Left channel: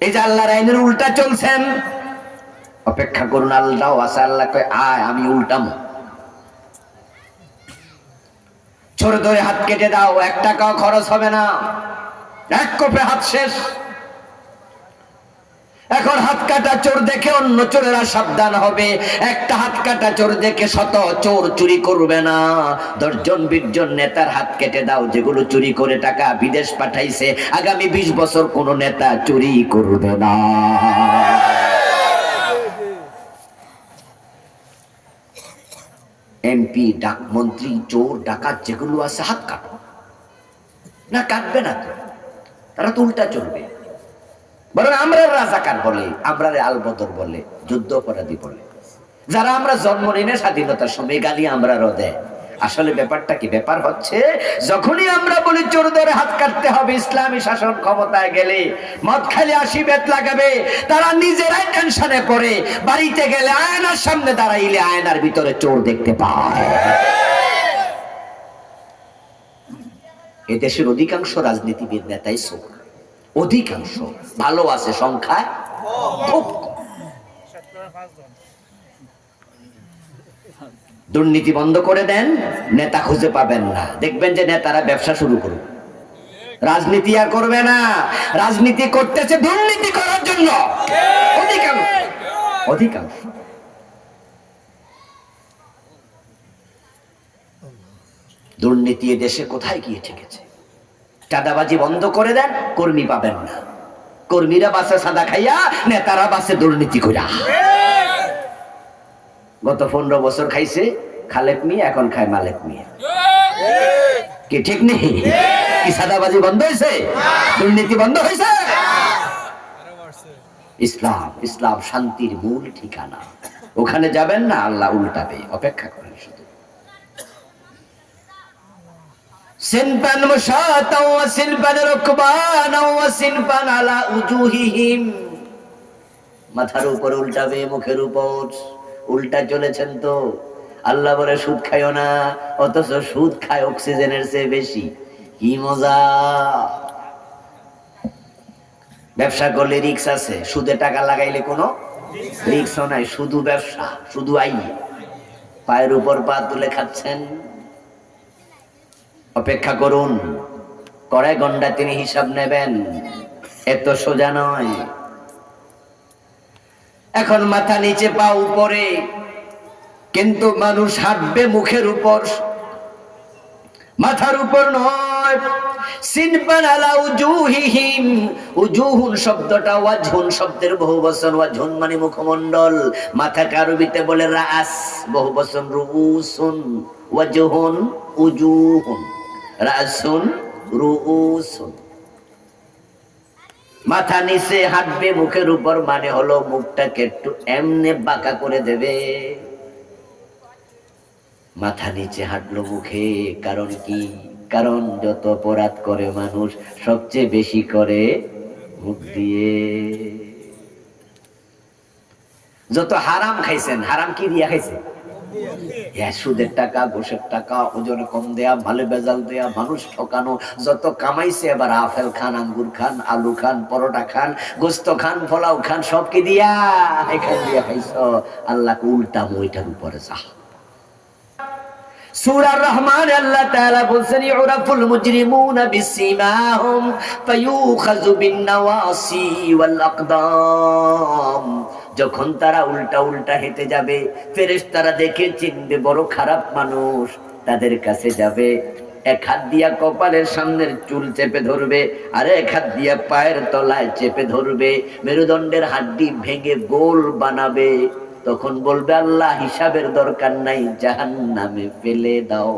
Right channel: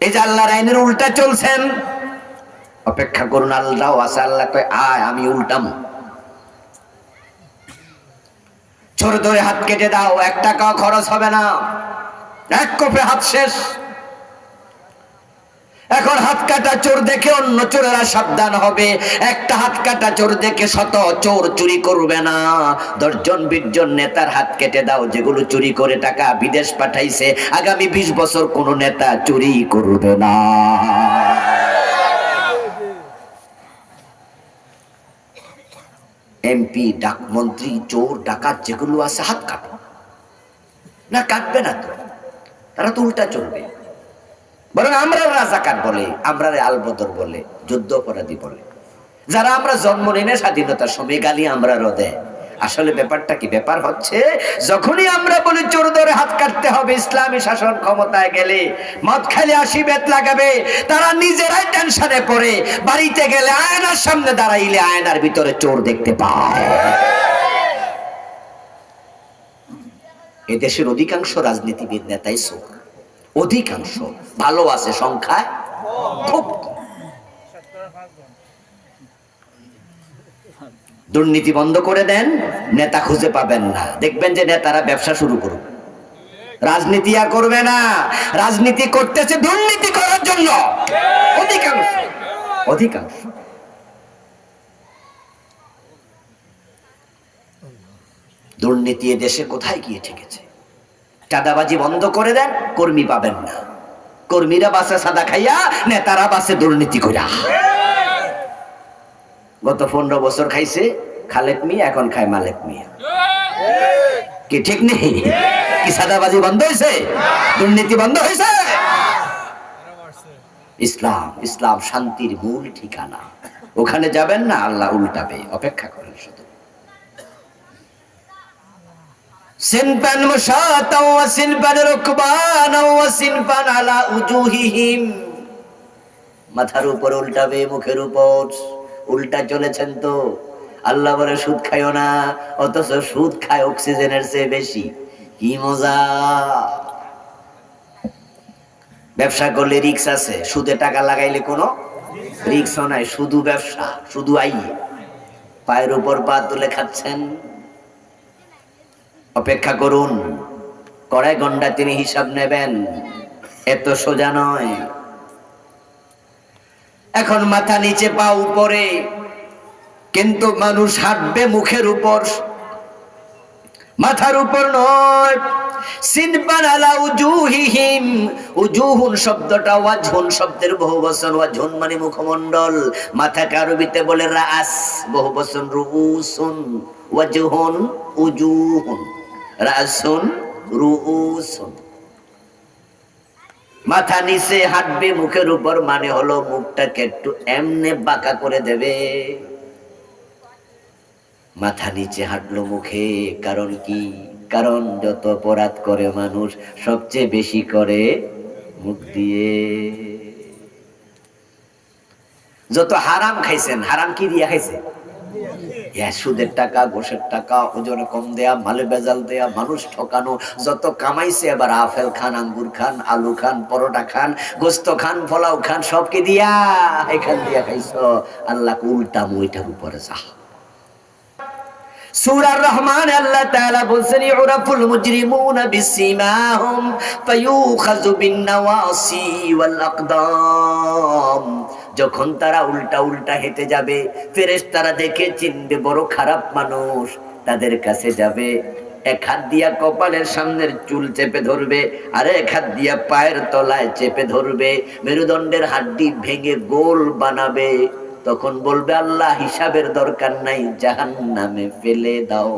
এই যে আল্লাহর আইনের উল্টা চলছেন, অপেক্ষা করুন, আল্লাহ আছে, আল্লাহ কয় আয় আমি উল্টাম। চোর ধরে হাত কেটে দাও, 1 টাকাও খরচ হবে না, এক কোপে হাত শেষ। এখন হাত কাটা চোর দেখে অন্য চোরেরা সাবধান হবে, একটা হাত কাটা চোর দেখে শত চোর চুরি করবে না। 10 জন 20 জন নেতার হাত কেটে দাও, যেগুলো চুরি করে টাকা বিদেশ পাঠাইছে, আগামী 20 বছর কোন নেতা চুরি করবে না। এমপি, ডাক মন্ত্রী, চোর ডাকাত যেগুলো আছে হাত কাটো না, কাটবে না তো, তারা তো উল্টা চলবে। বরং আমরা রাজাকার বলে, আমরা আলবদর বলে, যুদ্ধ অপরাধী বলে, যারা আমরা জন্ম নিয়ে স্বাধীনতার সময় গালি আমরা রোদে। আসলে ব্যাপারটা কি? ব্যাপার হচ্ছে যখনই আমরা বলি চোর ধরে হাত কাটতে হবে, ইসলামী শাসন ক্ষমতায় গেলে মদ খালি 80 বেত লাগাবে, তারা নিজেরাই টেনশনে পড়ে, বাড়িতে গেলে আয়নার সামনে দাঁড়াইলে আয়নার ভিতরে চোর দেখতে পায়। এদেশের অধিকাংশ রাজনীতিবিদ নেতাই চোর, অধিকাংশ। ভালো আছে সংখ্যায় খুব কম। দুর্নীতি বন্ধ করে দেন, নেতা খুঁজে পাবেন না, দেখবেন যে নেতারা ব্যবসা শুরু করুন। রাজনীতি আর করবে না, রাজনীতি করতেছে দুর্নীতি করার জন্য অধিকাংশ। অধিকাংশ দুর্নীতি দেশে কোথায় গিয়ে ঠেকেছে? চাঁদাবাজি বন্ধ করে দেন, কর্মী পাবেন না। কর্মীরা বাসে সাদা খাইয়া, নেতারা বাসে দুর্নীতি কইরা। গত 15 বছর খাইছে খালেক মিয়া, এখন খায় মালেক মিয়া। কি ঠিক নেই? কি সাদাবাজি বন্ধ হয়েছে? দুর্নীতি বন্ধ হয়েছে? ইসলাম, ইসলাম শান্তির মূল ঠিকানা। ওখানে যাবেন না, আল্লাহ উল্টাবে, অপেক্ষা করেন শুধু। সিনফান মুশাতাও ওয়া সিনফান রুকবানাও ওয়া সিনফান আলা উজুহিহিম। মাথার উপর উল্টাবে, মুখের উপর উল্টা চলেছেন তো। আল্লাহ বলে সুদ খাইও না, অথচ সুদ খায় অক্সিজেনের চেয়ে বেশি। কি মজা! ব্যবসা করলে রিস্ক আছে, সুদে টাকা লাগাইলে কোনো রিস্কও নাই। শুধু ব্যবসা, শুধু আই, পায়ের উপর পা তুলে খাচ্ছেন। অপেক্ষা করুন, কড়াই গন্ডা তিনি হিসাব নেবেন, এত সোজা নয়। এখন মাথা নিচে পা উপরে, কিন্তু মানুষ হাঁটবে মুখের উপর, মাথার উপর নয়। সিনফান আলা উজুহিহিম। উজুহুন শব্দটা ওয়াজহুন শব্দের বহুবচন। ওয়াজহুন মানে মুখমণ্ডল, মাথাকে আরবিতে বলে রাস, বহুবচন রুউসুন। ওয়াজহুন উজুহুন, রাসুন রুউসুন। মাথা নিচে হাঁটবে মুখের উপর, মানে হলো মুখটাকে একটু এমনে বাঁকা করে দেবে। মাথা নিচে হাঁটলো মুখে, কারণ কি? কারণ যত অপরাধ করে মানুষ, সবচেয়ে বেশি করে মুখ দিয়ে। যত হারাম খাইছেন, হারাম কি দিয়া খাইছে? সুদের টাকা, ঘুষের টাকা, ওজনে কম দেয়া, মালে বেজাল দেয়া, মানুষ ঠকানো। যত কামাইছে, এবার আপেল খান, আঙ্গুর খান, আলু খান, পরোটা খান, গোস্ত খান, পোলাও খান, সব কি দিয়া? এখান দিয়া খাইছ। আল্লাহ উল্টা ওইটার উপরে যা। সূরা রহমান আল্লাহ তাআলা বলেন, ইউরাফুল মুজরিমুনা বিসিমাহুম ফায়ুখাযু বিন-নাওয়াসি ওয়াল আকদাম। যখন তারা উল্টা উল্টা হেঁটে যাবে, ফেরেশতারা দেখে চিনবে বড় খারাপ মানুষ, তাদের কাছে যাবে। এক হাত দিয়া কপালের সামনের চুল চেপে ধরবে, আর এক হাত দিয়া পায়ের তলায় চেপে ধরবে, মেরুদণ্ডের হাড্ডি ভেঙে গোল বানাবে। তখন বলবে, আল্লাহ হিসাবের দরকার নাই, জাহান্নামে ফেলে দাও।